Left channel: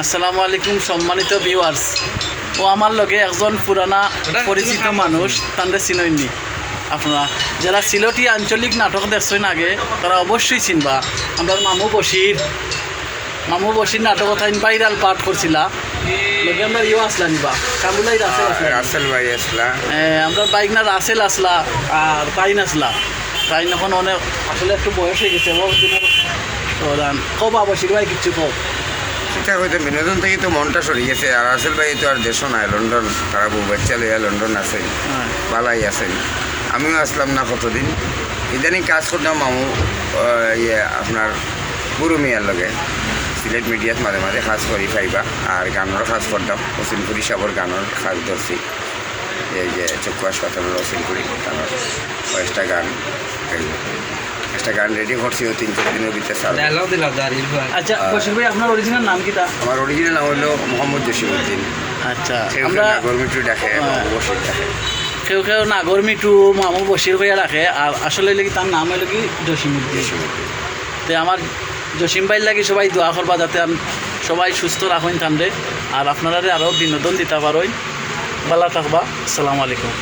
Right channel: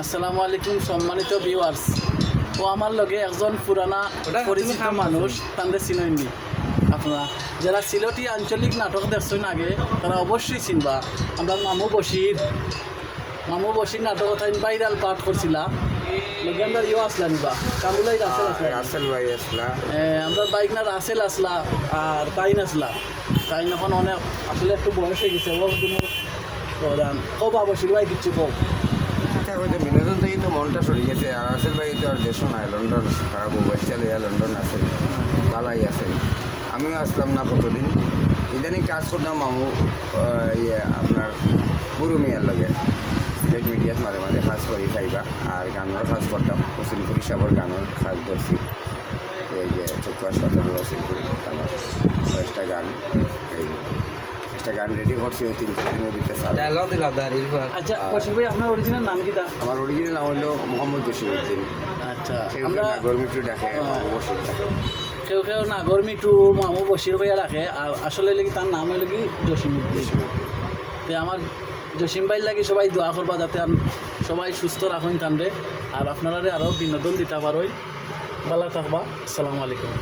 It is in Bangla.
আসসালামু আলাইকুম সম্মানিত ভিউয়ার্স। ও আমার লগে একজন পুরানা পরিচিত মানুষ, তাদের চিনইনি আপনারা যারা সিলেটি আঞ্চলিক নাটক দেখছেন আগে তারা অবশ্যই চিনবা। আমরা মামু বশির নাটক তাই ভাইরাল পাঠ করছিলা লগে আমরা ইউ আসলা নিবা কামুলাই রাসেল ভাই আসলা, আমরা বাইক না রাসেল আসলা আর তাইন আসলা। তাইন এখন অনেক আসলে একটু বয়স হয়ে গেছে কবা বশির ভাই কিচ্ছু কব। সেটা হয়তো বিনোদন থেকে তো মনটা সরিয়েছে। আর রাসেল ভাই তো আর দেশও নাই, লন্ডন খারাপ বাচ্চা লইয়া লন্ডন আছে, পালাই আছে। আমিও আসলাম না কতদিন, ইদানিং কাজ করতাম মামু আপনার গুরু মিয়ার লগে সিলেট মিডিয়াত মাঝে মাঝে কাজ করি পাইবা। আর গানেরও কাজ করতাম, অসিলপুরি সাবর গানের কাজ ধরছি। এই যে চক্ষু হাসপাতালের অসিলপুরি গানের একটা গান রেডি করছি 3-4 দিনের ভিতরে। আচ্ছা বশির ভাই, আপনার অরিজিনাল নাম কি? আমার অরিজিনাল নাম হলো মোহাম্মদ জসিমউদ্দিন। আচ্ছা, আমরা গরমিটু ডাকে, বসির ডাকে। কেউ নাগরমিটু মামু বশির হইয়া রাখে, আর আসলে লাগি তার নাম হলো কি জসিমউদ্দিন। তো আমার জসিম ভাইয়ের লাগি সবাই দোয়া করবা যাতে সবাই সুস্থ রাখেন তান্ডে, আর আপনারা আরও বিনোদন দিতে পারেন। ভালো থাকবা। আসসালামু আলাইকুম।